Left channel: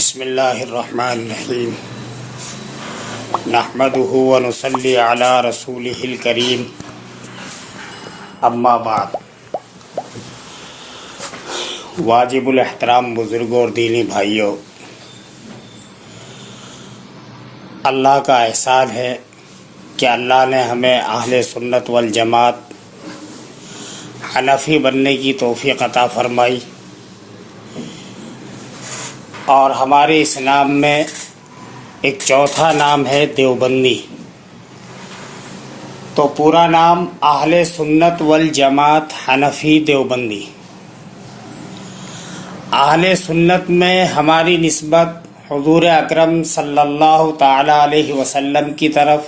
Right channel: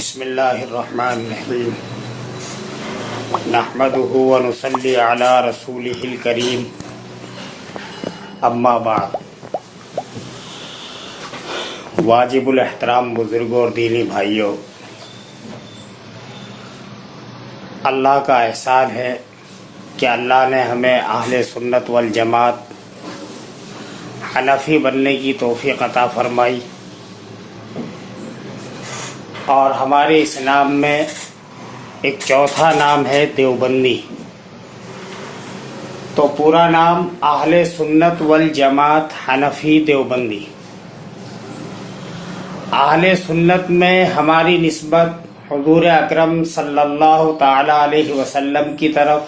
بسم اللہ الرحمن الرحیم نحمده ونصلی علی رسولہ الکریم اما بعد واجب الاحترام بزرگوں اور دینی بھائیوں، اللہ کا احسان ہے کہ اللہ نے ہمیں اہل سنت والجماعت حنفی بننے کی توفیق عطا فرمائی، اور ہمارے اسلام میں ایک چوتھا نام ہے دیوبندی۔ تو پورا نام اہل سنت والجماعت حنفی دیوبندی۔ اہل سنت میں ہماری نسبت حضور اکرم صلی اللہ تعالی علیہ وسلم کی طرف،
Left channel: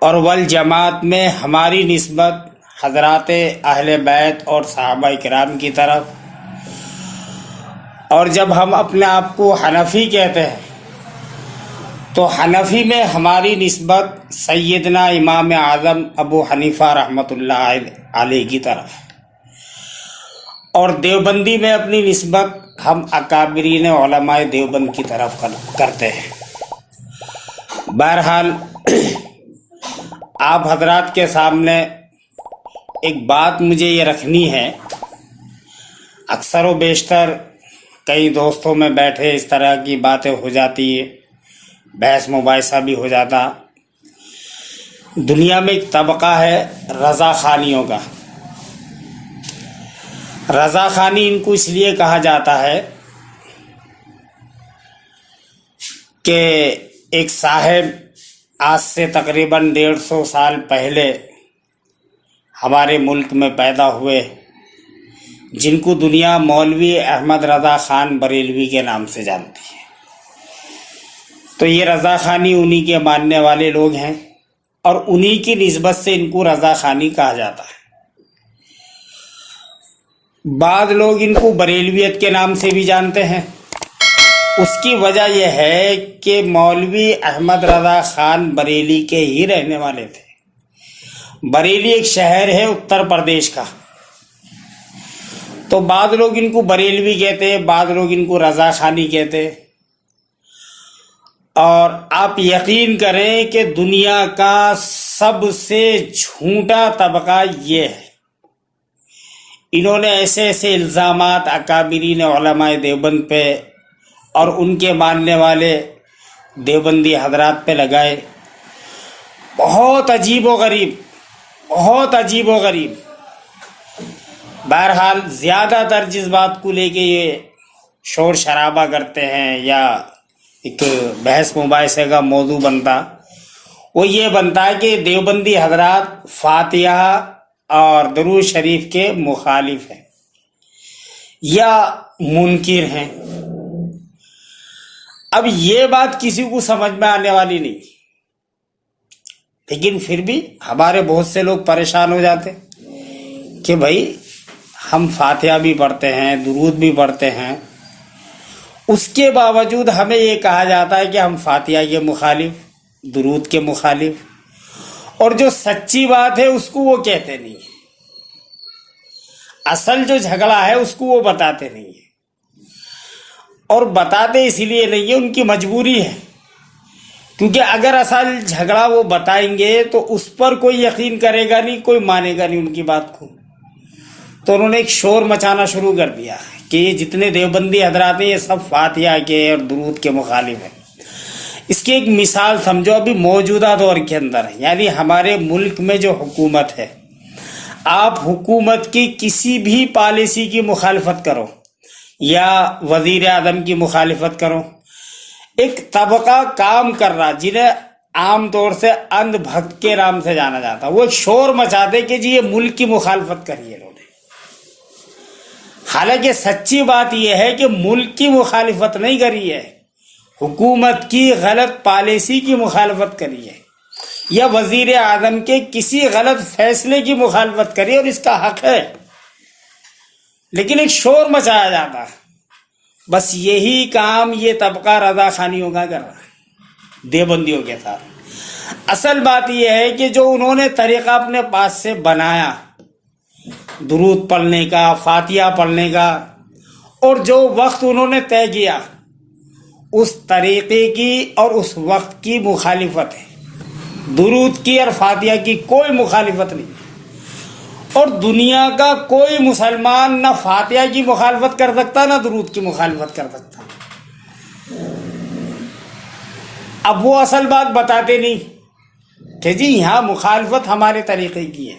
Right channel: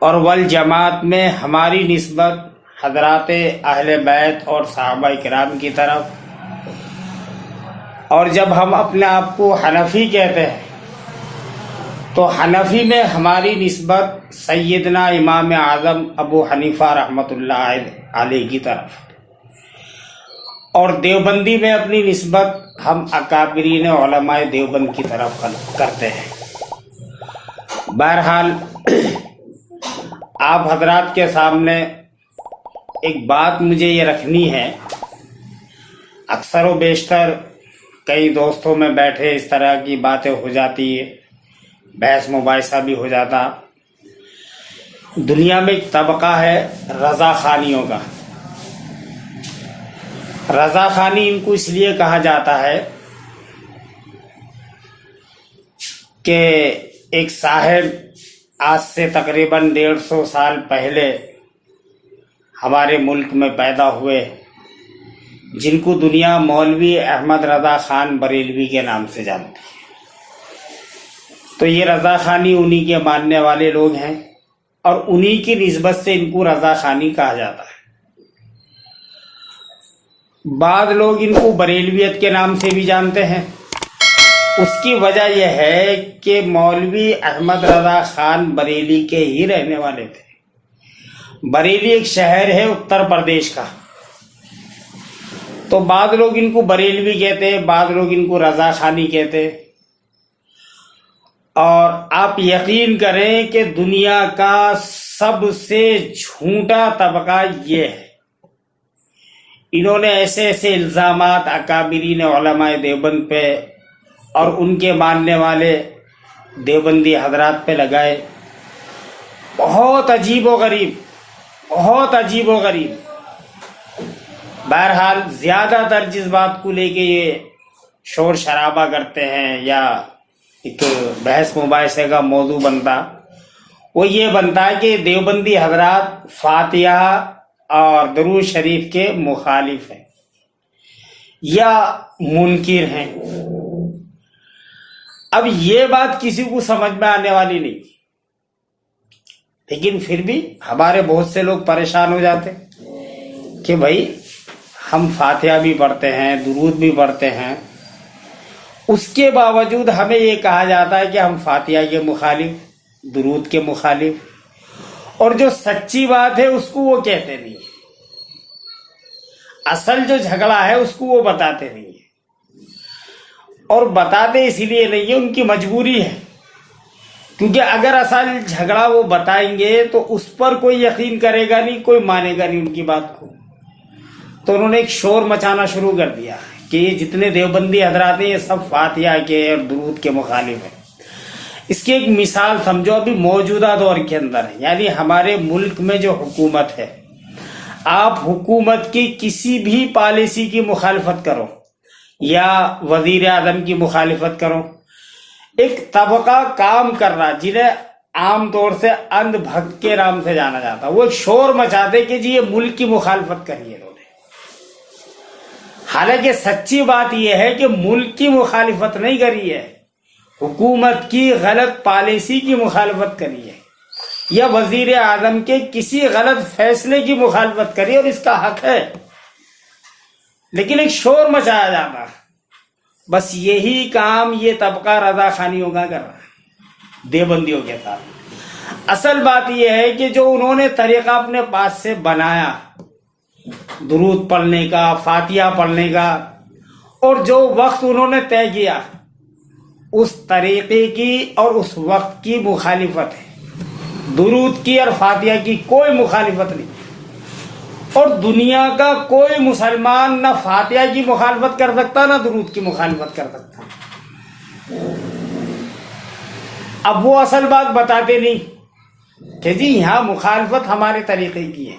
اور والجماعت میں ہماری نسبت حضرات اہل بیت اور صحابہ کرام کی طرف۔ اور جب ہم اپنے آپ کو حنفی کہتے ہیں تو حنفی میں ہماری نسبت سیدنا امام اعظم ابو حنیفہ رحمۃ اللہ علیہ کی طرف، اور دیوبندی میں اپنی نسبت ہم اکابرین علماء دیوبند کی طرف کرتے ہیں۔ بہرحال آپ حضرات کے سامنے ایک بات مجھے یہ رکھنی ہے۔ اکثر و بیشتر کئی دوستوں میں بیٹھے اس طرح کی باتیں ہو جاتی ہے، بحث مباحثہ بھی ہو جاتا۔ دنیا میں ایک طبقہ ہے رضا خانیوں کا۔ رضا خانی ان کو اس لیے کہا جاتا ہے کہ ایک صاحب آج سے تقریباً 150 سال پہلے ہمارے ملک میں پیدا ہوئے، جن کو دنیا مولوی احمد رضا خان بریلوی کے نام سے جانتی ہے۔ تو یہ رضا خانی انہی کے ماننے والے لوگ ہیں، اور انہی کی نسبت سے ان کو رضا خانی کہا جاتا ہے۔ بعض لوگ ان کو بریلویت کے نام سے بھی جانتے ہیں۔ اس کی وجہ یہ ہے کہ مولوی احمد رضا خان بریلی کے ہی رہنے والے تھے۔ بریلی ایک شہر ہے اتر پردیش کا۔ تو بعض لوگ ان کو بریلوی کہتے ہیں، بعض لوگ ان کو رضا خانی کہتے ہیں۔ اور آپ یقین کریں کہ دنیا کا سب سے جھوٹا طبقہ یہ ہے۔ انہوں نے ایسے ایسے الزامات اکابرین علماء دیوبند پہ اور ان کے ماننے والے دیوبندی حضرات پہ لگائے، بہت عجیب و غریب، بہت عجیب و غریب۔ بہرحال زیادہ تر جس بات کو لے کے یہ شور شرابہ کرتے ہیں یا ایک بحث مباحثے کا موضوع بنتا، وہ یہ بنتا ہے کہ دیوبندی حضرات فاتحہ اور درود شریف کے مخالف ہیں یا منکر ہیں۔ اب یہ بات کسی کو سمجھ میں آنے والی نہیں، لیکن پھر بھی ہمارے بہت سے لوگ پریشان ہو جاتے کہ بھائی ہم فاتحہ بھی پڑھتے ہیں، درود بھی پڑھتے ہیں، اس کے باوجود ہمیں یہ کہا جاتا ہے کہ ہم فاتحہ کے مخالف، درود کے مخالف، اور جو سچی بات ہے اس کو وہ کہتے نہیں ہیں۔ اصل جو جھگڑا ہے اس کو وہ بتاتے نہیں ہیں، اور بتاتے اسی لیے نہیں ہے، ان کی مجبوری ہے، کیونکہ اگر اصل جھگڑا وہ بتائیں گے تو اس پر کوئی یقین کرے گا نہیں، کوئی مانے گا نہیں ان کی بات کو۔ تو انہوں نے ایک شور مچانا شروع کر دیا کہ یہ جتنے دیوبندی حضرات ہیں یہ سب فاتحہ کے اور درود کے مخالف ہیں۔ اس کی ایک مثال سمجھو، ابھی موجودہ دور کے اندر ہے، یعنی ہمارے ملک میں جو حکومت ہے، آپ حکومت کی کسی بھی پالیسی کی مخالفت کرو یا وزیر اعظم کی مخالفت کرو، ایک طبقہ کام کر رہا جنہیں عام طور سے اندھ بھکت کے نام سے جانا جاتا، وہ ایک شور مچاتے کہ جی یہ ملک کی مخالفت کری ہے انہوں نے۔ حالانکہ سچی بات یہ ہے کہ ملک کی مخالفت نہیں کری ہے، حکومت کی غلط پالیسی کی مخالفت کری ہے، یا وزیر اعظم کے کسی غلط فیصلے کی مخالفت کری، اور اس کا حق ہے، لیکن ایک شور مچایا جاتا۔ بس یہی کام یہ طبقہ رضا خانیوں کا کر رہا ہے دیوبندیوں کے ساتھ۔ اصل بات یہ ہے کہ جو انہوں نے طریقہ اپنے پاس سے بنایا درود پڑھنے کا، فاتحہ پڑھنے کا، اور جو وقت انہوں نے طے کیا اس طریقے کی اور اس وقت کی مخالفت ہے. درود کی اور فاتحہ کی کوئی مخالفت نہیں. اور دنیا کا کوئی مسلمان نہ فاتحہ کی مخالفت کر سکتا نہ درود کی مخالفت کر سکتا. اب وہ اصل بات بتاتے نہیں کہ جی یہاں مخالفت ہمارے طریقے کی ہے.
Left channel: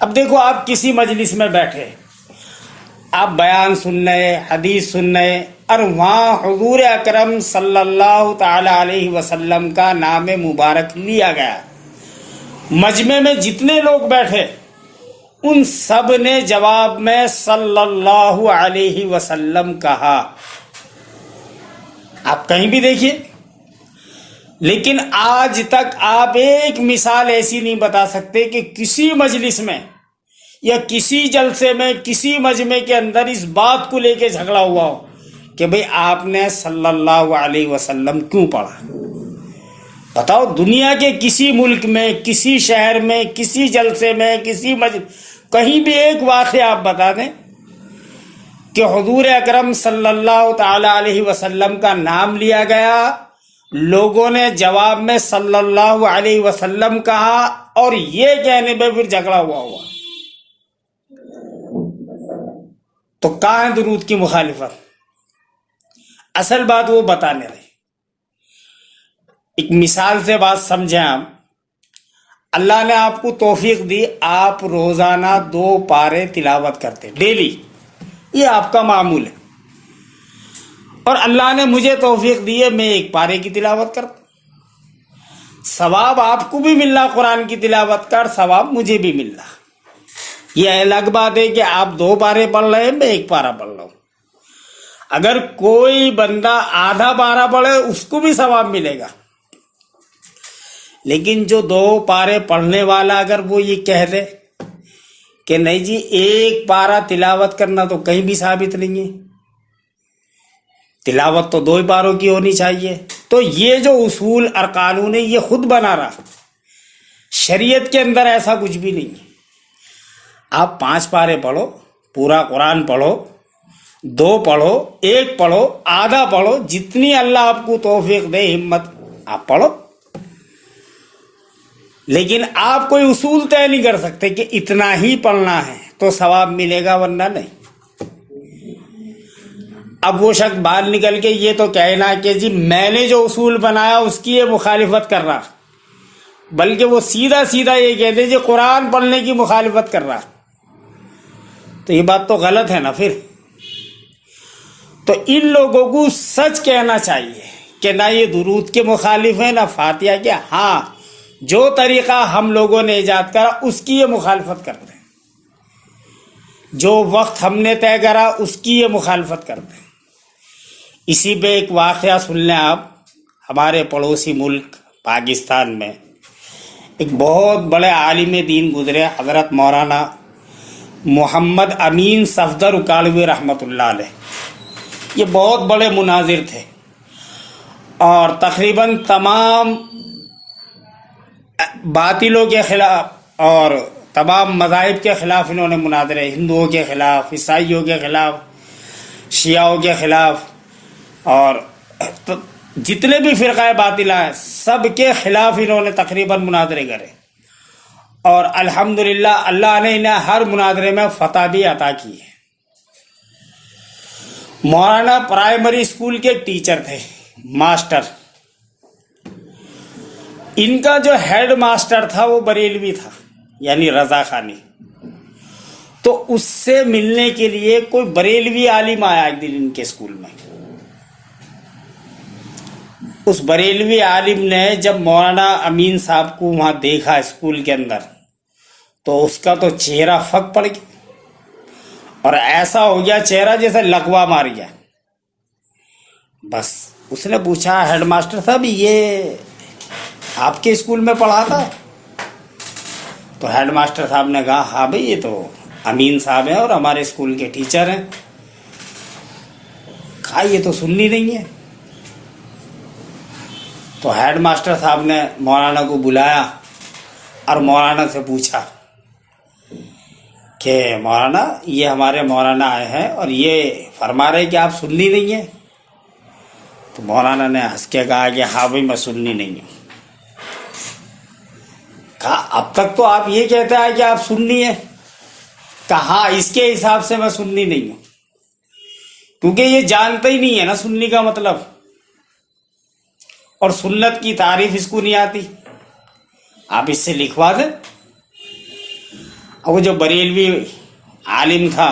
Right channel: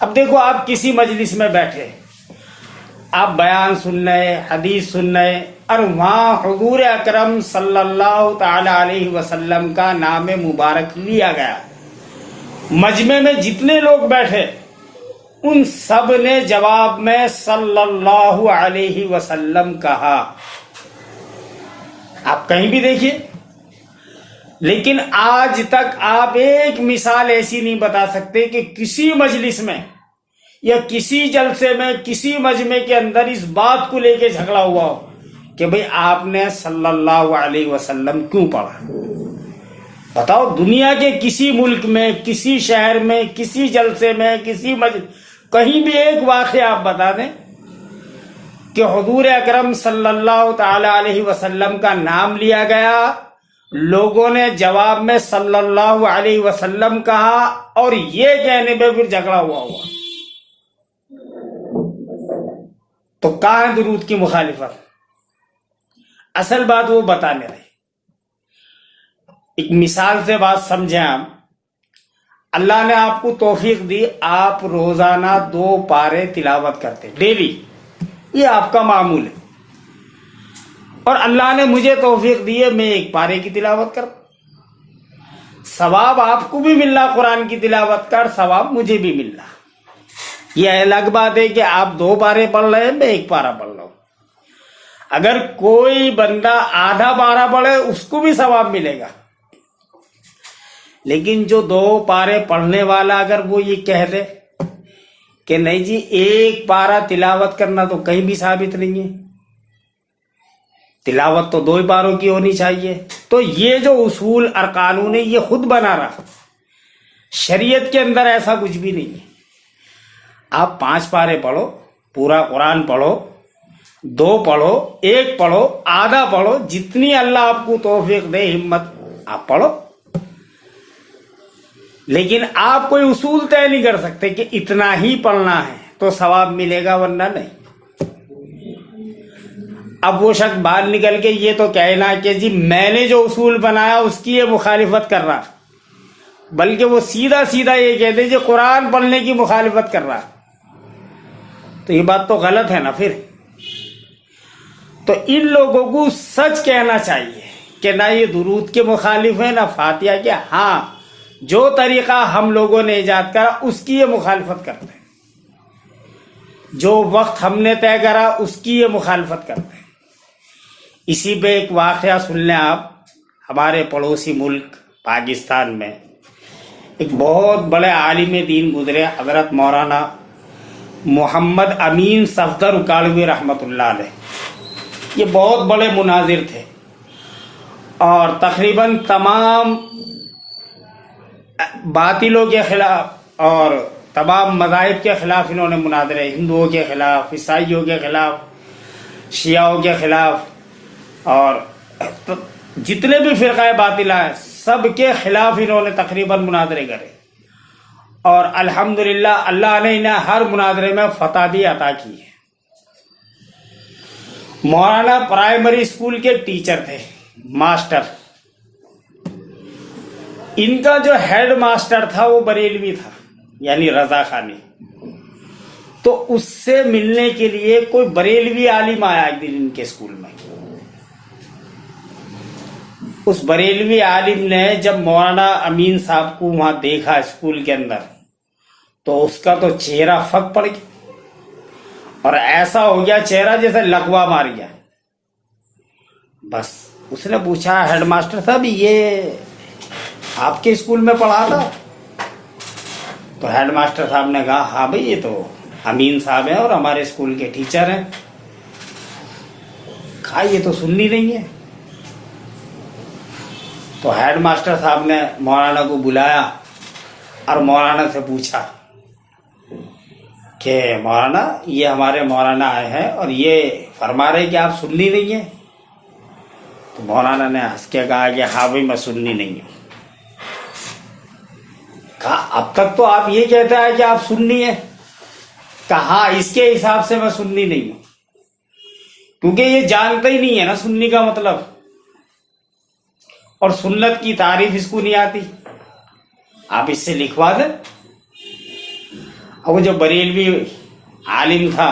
اب دیکھو آپ کسی مجلس میں بیٹھے, آپ بیان سن رہے, حدیث سن رہے, اور وہاں حضور اکرم صلی اللہ تعالی علیہ وسلم کا نام مبارک لیا گیا. مجمع میں جتنے لوگ بیٹھے ان سب نے جواب میں صلی اللہ علیہ وسلم کہا. آپ کہیں بھی دیکھیے, لیکن آج تک آپ ایک مثال ایسی نہیں بتا سکتے کہ کسی مجلس میں یا کسی جلسے میں کسی مجمع کے اندر اس بات کو لے کے جھگڑا ہوا ہو کہ بھئی آپ نے صلی اللہ علیہ وسلم کیوں پڑھا. بتاؤ, دنیا کے کسی ملک میں, کسی شہر میں, کسی جلسے میں, کسی کہیں بھی ایک واقعہ آپ بتا دیں کہ حضور اکرم صلی اللہ تعالی علیہ وسلم کا نام لیا گیا, لوگوں نے جواب میں صلی اللہ علیہ وسلم کہا, اور یہ کہنے پہ پھر جھگڑا ہوا. تو کہاں ہے درود کی مخالفت؟ اصل بات وہ بتانے رہے. ایک مثال سے بات سمجھیں آپ. اللہ نے آپ کو توفیق دی, آپ روزانہ 2 پارے تلاوت کرتے ڈیلی, یہ آپ کا معمول ہے. اور اللہ نے مجھے توفیق دی ہے, میں 1 پارے کی تلاوت کرتا. ثواب آپ کو بھی مل رہا قرآن کی تلاوت کا, اور ثواب مجھے بھی مل رہا. یہ الگ بات ہے کہ آپ 2 پارے پڑھ رہے ہیں, میں 1 پارا پڑھ رہا ہوں. اگر کوئی بندہ آدھا پارا پڑھے اس کو بھی ثواب ملے گا. لیکن جو 2 پارے پڑھنے والا اگر وہ یہ کہہ دے کہ نہیں جی 1 پارا تلاوت کرنا تو کہیں بھی ثابت نہیں ہے, تلاوت تو 2 پاروں کی ہونی چاہیے, تو یہ جو اصول اور قانون ہے یہ خود بنا رہا. شریعت کے اندر ایسا کچھ بھی نہیں ہے. آپ 5 پارے پڑھو, پورا قرآن پڑھو, 2 پڑھو, 1 پڑھو, آدھا پڑھو, جتنی اللہ آپ کو توفیق دے ہمت آپ پڑھو. لیکن آپ کوئی اصول طے نہیں کر سکتے کہ اتنا ہی پڑھنا ہے تو ثواب ملے گا ورنہ نہیں. اب وہ شخص باہر نکل کے یہ تو کہنا کہ جی میں نے جو اصول بنایا اس کی یہ مخالفت کر رہا, بلکہ وہ سیدھا سیدھا یہ کہتے جی قرآن پڑھنے کی مخالفت کر رہا, تو یہ بات تو غلط ہے نا. پھر تو ان لوگوں کو سچ کہنا چاہیے کہ نہ یہ درود کے مخالف ہیں نہ فاتحہ کے. ہاں, جو طریقہ ہم لوگوں نے ایجاد کرا اس کی یہ مخالفت کرتے ہیں, جو وقت ہم نے طے کرا اس کی یہ مخالفت کرتے ہیں. اسی پہ ایک واقعہ سن لیں آپ. ہمارے پڑوسی ملک پاکستان میں ایک بہت بڑے عالم دین گزرے, حضرت مولانا محمد امین صفدر اکاڑوی رحمۃ اللہ علیہ. یہ بہت بڑے مناظر تھے اور تقریباً تمام باطلوں کے خلاف اور تمام مذاہب کے خلاف انہوں نے مناظرے, ہندوؤں کے خلاف, عیسائیوں کے خلاف, شیعوں کے خلاف, اور جتنے بھی فرقہ باطلہ ہیں سب کے خلاف انہوں نے تقریباً مناظرے کرے. اور الحمدللہ اللہ نے انہیں ہر مناظرے میں فتح بھی عطا کی ہے. مولانا پرائمری اسکول کے ٹیچر تھے, ماسٹر. ان کا جو ہیڈ ماسٹر تھا وہ بریلوی تھا, یعنی رضا خانی. تو اس سے ملنے کے لیے کوئی بریلوی عالم آیا ایک دن ان کے اسکول میں. اس بریلوی عالم نے جب مولانا امین صاحب کو وہاں دیکھا اسکول کے اندر, تو اس کا تو چہرہ پھک پڑ گیا اور ایسا ہو گیا چہرہ جیسے لقوا مار گیا. بس اس نے پوچھا, ہیڈ ماسٹر صاحب یہ آپ کے اسکول میں پڑھا تھا؟ تو ہیڈ ماسٹر صاحب نے کہا ہاں بھئی یہ تو امین صاحب ہیں اور ہمارے اسکول کے ٹیچر ہیں. کہا یہ تو سننی نہیں ہے. تو ہیڈ ماسٹر صاحب نے مولانا کو بلایا اور مولانا سے پوچھا کہ مولانا یہ ہمارے مولانا آئے ہیں اور یہ فرما رہے کہ آپ سننی نہیں ہیں. تو مولانا نے ہنس کے کہا کہ ہاں بھائی میں سنی نہیں ہوں. کہا اب تک تو آپ یہ کہتے ہیں کہ آپ سنی ہیں. کہا اس کے حساب سے میں سنی نہیں ہوں، کیونکہ یہ جانتا ہی نہیں ہے نا سنی کا مطلب، اور سنت کی تعریف اس کو نہیں آتی. آپ اس سے لکھوا دیں. اب وہ جو بریلوی عالم تھا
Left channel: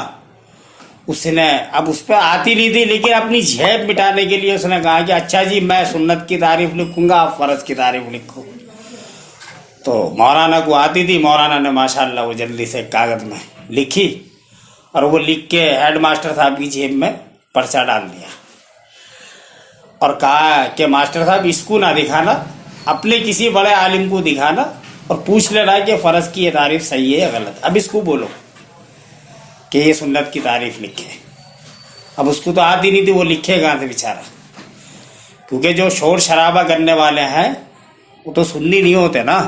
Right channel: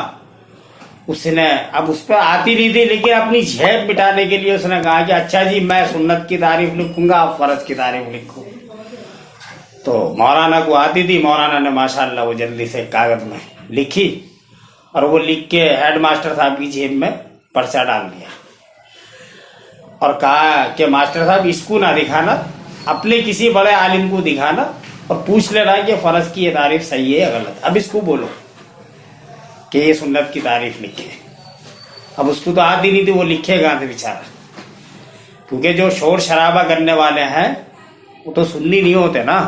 اس نے اب اس پہ آتی نہیں تھی، لیکن اپنی جھیب مٹانے کے لیے اس نے کہا کہ اچھا جی میں سنت کی تعریف لکھوں گا، آپ فرض کی تعریف لکھو. تو مولانا کو آتی تھی. مولانا نے ماشاءاللہ وہ جلدی سے کاغذ میں لکھی اور وہ لکھ کے ہیڈ ماسٹر صاحب کی جیب میں پرچہ ڈال دیا اور کہا کہ ماسٹر صاحب اس کو نہ دکھانا، اپنے کسی بڑے عالم کو دکھانا اور پوچھ لینا کہ فرض کی یہ تعریف صحیح ہے یا غلط. اب اس کو بولو کہ یہ سنت کی تعریف لکھے. اب اس کو تو آتی نہیں تھی، وہ لکھے کہاں سے بیچارہ، کیونکہ جو شور شرابہ کرنے والے ہیں وہ تو سنی نہیں ہوتے نا.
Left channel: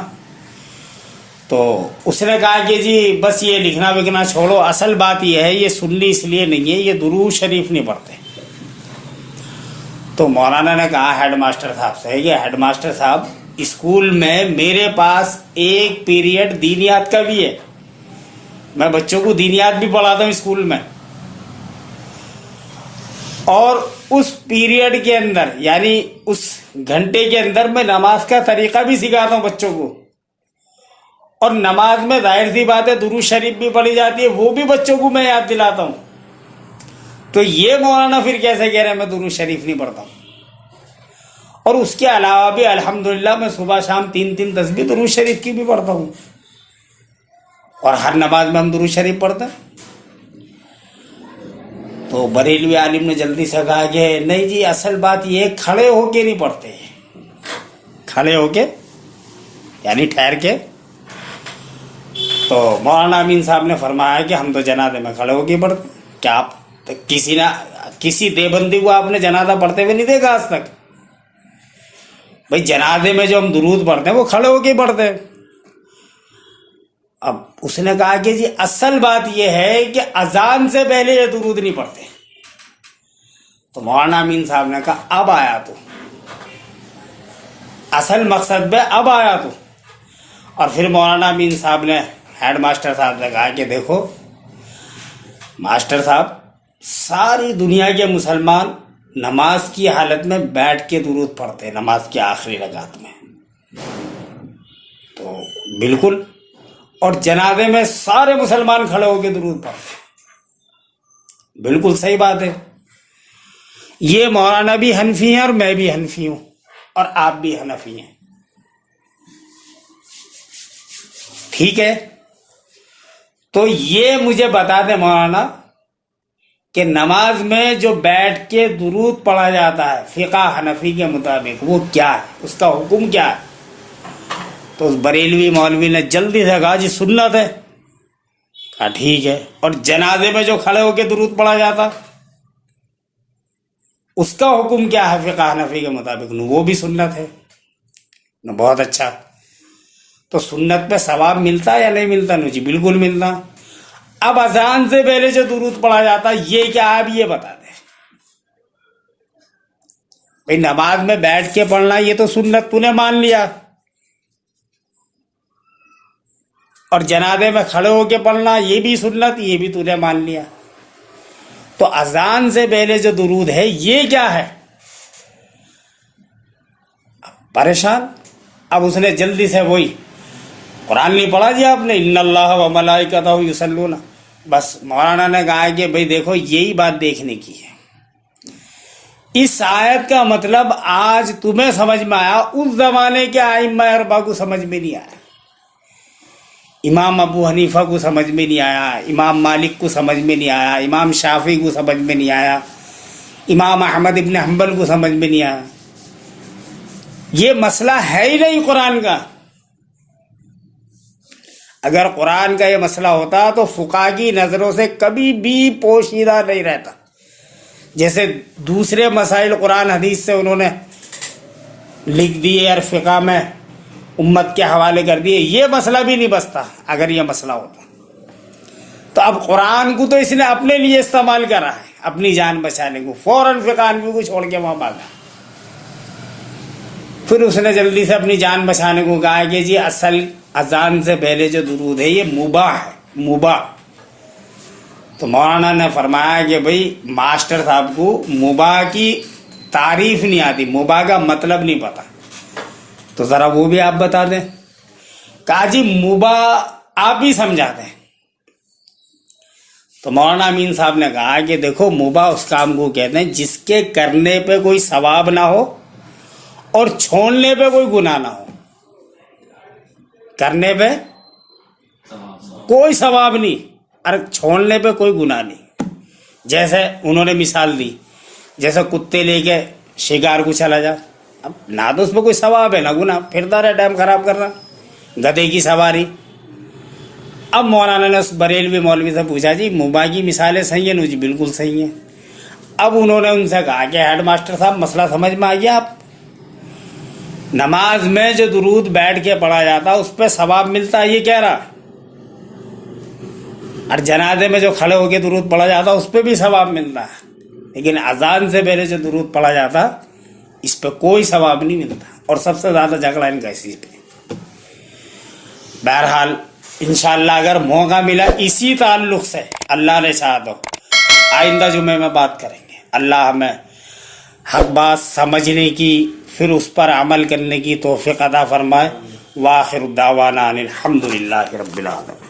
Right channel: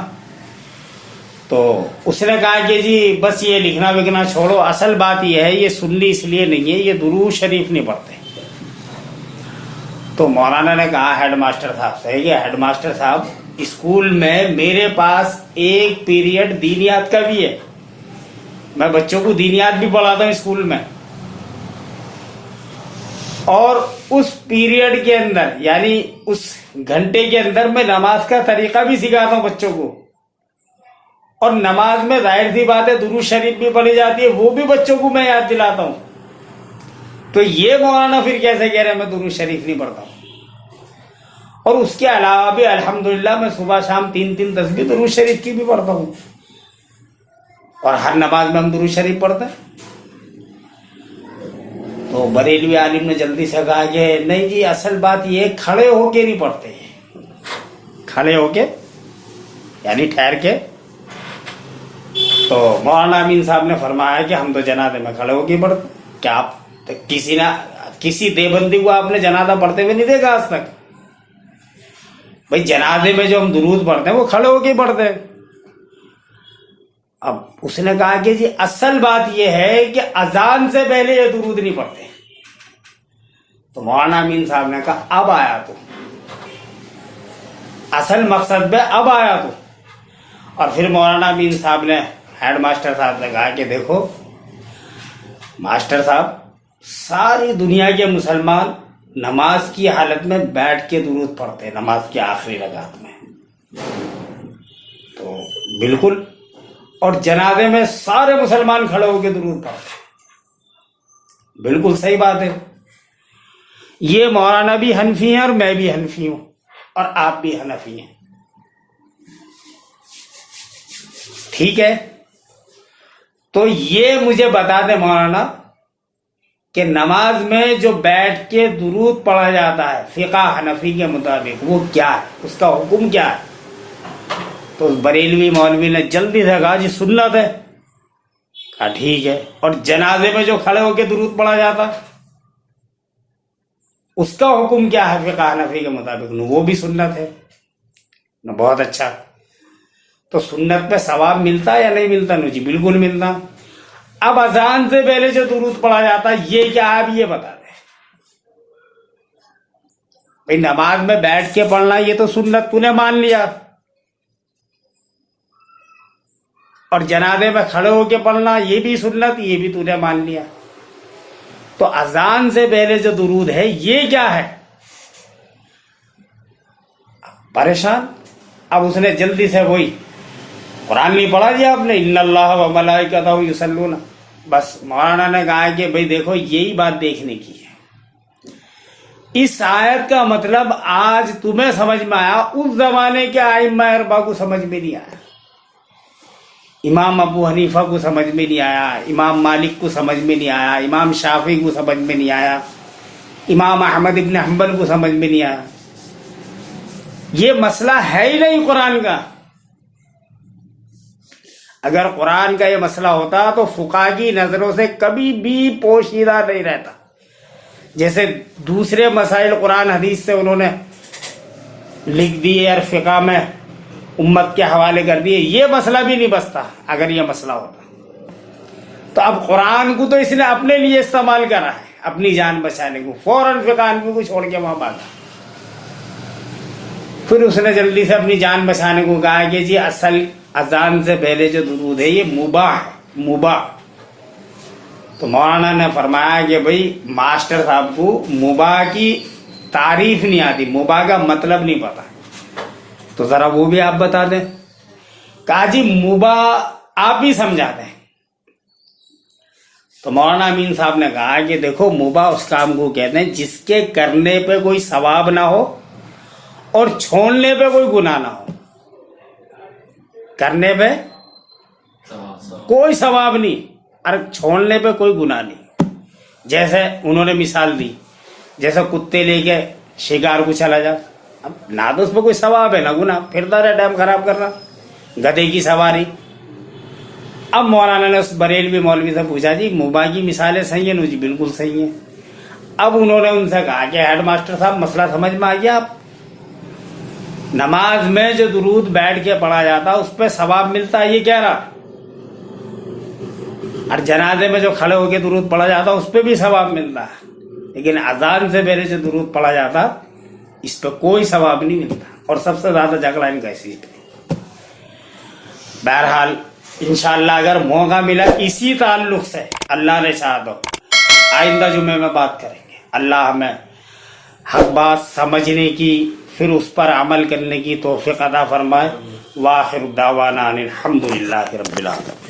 تو اس نے کہا کہ جی بس یہ لکھنا وکھنا چھوڑو، اصل بات یہ ہے یہ سنی اس لیے نہیں ہے، یہ درود شریف نہیں پڑھتے. تو مولانا نے کہا ہیڈ ماسٹر صاحب سے کہ ہیڈ ماسٹر صاحب اسکول میں میرے پاس ایک پیریڈ دینیات کا بھی ہے، میں بچوں کو دینیات بھی پڑھاتا ہوں اسکول میں، اور اس پیریڈ کے اندر یعنی اس گھنٹے کے اندر میں نماز کا طریقہ بھی سکھاتا ہوں بچوں کو، اور نماز میں ظاہر سی بات ہے درود شریف بھی پڑھی جاتی ہے، وہ بھی بچوں کو میں یاد دلاتا ہوں. تو یہ مولانا پھر کیسے کہہ رہے ہیں میں درود شریف نہیں پڑھتا ہوں؟ اور اس کے علاوہ بھی الحمدللہ میں صبح شام 3 تسبیح درود شریف کی بھی پڑھتا ہوں، اور ہر نماز میں ہم درود شریف پڑھتے ہیں. تو بریلوی عالم نے جلدی سے کہا کہ نہیں جی اصل بات یہ کھڑے ہو کے نہیں پڑھتے، کھڑے ہو کے یعنی ٹھہر کے. تو مولانا امین صاحب نے فرمایا کہ ہم تو جنازے میں کھڑے ہو کے پڑھتے. کیا آپ کسی دیوبندی کو آپ نے جنازہ پڑھتے ہوئے نہیں دیکھا آج تک؟ بھائی جنازے میں جو ہم درود پڑھتے ہیں وہ کھڑے ہو کے پڑھتے ہیں. اب اس نے کہا کہ جی اصل بات یہ ہے کہ اذان سے پہلے یہ درود نہیں پڑھتے. تو مولانا امین صاحب نے کہا اب آیا تو اصل مقصد پہ اب آیا تو. اور پھر مولانا امین صاحب نے ہیڈ ماسٹر صاحب نے کہا کہ دیکھو ماسٹر صاحب ساری دنیا کے مسلمان نماز کی حالت میں بیٹھ کے درود پڑھتے ہیں نماز کی آخری رکعت میں. تو بالکل، اور جنازے میں سارے مسلمان کھڑے ہو کے درود پڑھتے ہیں. بالکل صحیح بات ہے. یہ مولانا بھی حنفی ہیں اور میں بھی حنفی ہوں اور آپ بھی حنفی ہیں. ٹھیک ہے، تو یہ مجھے بتا دیں مولانا کہ نماز میں جو بیٹھ کے درود پڑھا جاتا ہے فقہ حنفی کے مطابق وہ کیا ہے، اس کا حکم کیا ہے؟ تو اس بریلوی مولوی نے جلدی سے کہا جی سنت ہے. کہا ٹھیک ہے. اور جنازے میں جو کھڑے ہو کے درود پڑھا جاتا اس کا حکم کیا ہے فقہ حنفی کے مطابق؟ وہ بھی سنت ہے. بہت اچھا. تو سنت پہ ثواب ملتا یا نہیں ملتا؟ جی بالکل ملتا. اب اذان سے پہلے جو درود پڑھا جاتا یہ کیا ہے آپ یہ بتا دیں. بھائی نماز میں بیٹھ کے پڑھنا یہ تو سنت تو نے مان لیا، اور جنازے میں کھڑے ہو کے پڑھنا یہ بھی سنت، یہ بھی تو نے مان لیا. تو اذان سے پہلے جو درود ہے یہ کیا ہے؟ پریشان. اب اس نے جلدی سے وہی قرآن نہیں پڑھا جی آپ نے ان اللہ و ملائکتہ یصلون. بس مولانا نے کہا کہ بھائی دیکھو یہی بات دیکھنے کی ہے. اس آیت کا مطلب آج تمہیں سمجھ میں آیا، اس زمانے کے ائمہ اربعہ کو سمجھ میں نہیں آیا. امام ابو حنیفہ کو سمجھ میں نہیں آیا، امام مالک کو سمجھ میں نہیں آیا، امام شافعی کو سمجھ میں نہیں آیا، امام احمد ابن حنبل کو سمجھ میں نہیں آیا. یہ مسئلہ ہے ہی نہیں قرآن کا. اگر قرآن کا یہ مسئلہ ہوتا تو فقہا کی نظروں سے کبھی بھی پوشیدہ نہیں رہتا. جیسے دوسرے مسائل قرآن حدیث سے انہوں نے لکھ دیے اور فقہ میں امت کے حوالے کر دیے، یہ مسئلہ بھی نہیں بچتا اگر یہ مسئلہ ہوتا. تو اب قرآن کو تو اس نے اپنے لیے استعمال کرا ہے اپنی جان بچانے کو، فوراً فقہ حنفی کو چھوڑ کے وہاں بھاگا. پھر اس نے جلدی سے اپنی جان بچانے کو کہا کہ جی اصل اذان سے پہلے جو درود ہے یہ مباح ہے، مباح. تو مولانا نے فرمایا کہ بھئی ماسٹر صاحب کو مباح کی تعریف نہیں آتی، مباح کا مطلب نہیں پتا، تو ذرا وہ بھی آپ بتا دیں. کہا جی مباح آپ ہی سمجھا دیں. تو مولانا امین صاحب نے کہا کہ دیکھو مباح اس کام کو کہتے ہیں جس کے کرنے پہ کوئی ثواب نہ ہو اور چھوڑنے پہ کوئی گناہ نہ ہو. کرنے پہ کوئی ثواب نہیں اور چھوڑنے پہ کوئی گناہ نہیں. جیسے انہوں نے مثال دی، جیسے کتے لے کے شکار کو چلا جا، اب نہ تو اس پہ کوئی ثواب ہے نہ گناہ، پھرتا رہے ٹائم خراب کر رہا. گدھے کی سواری. اب مولانا نے اس بریلوی مولوی سے پوچھا جی مباح کی مثالیں صحیح ہیں؟ نو جی بالکل صحیح ہیں. اب انہوں نے ان سے کہا کہ ہیڈ ماسٹر صاحب مسئلہ سمجھ میں آ گیا، آپ نماز میں جو درود بیٹھ کے پڑھا جاتا اس پہ ثواب ملتا ہے یہ کہہ رہا، اور جنازے میں جو کھڑے ہو کے درود پڑھا جاتا اس پہ بھی ثواب ملتا ہے، لیکن اذان سے پہلے جو درود پڑھا جاتا اس پہ کوئی ثواب نہیں ملتا. اور سب سے زیادہ جھگڑا ان کا اسی پہ. بہرحال انشاءاللہ اگر موقع ملا اسی تعلق سے اللہ نے چاہا تو آئندہ جمعے میں بات کریں گے. اللہ ہمیں حق بات سمجھنے کی پھر اس پر عمل کرنے کی توفیق عطا فرمائے. وآخر دعوانا ان الحمد للہ رب العالمین.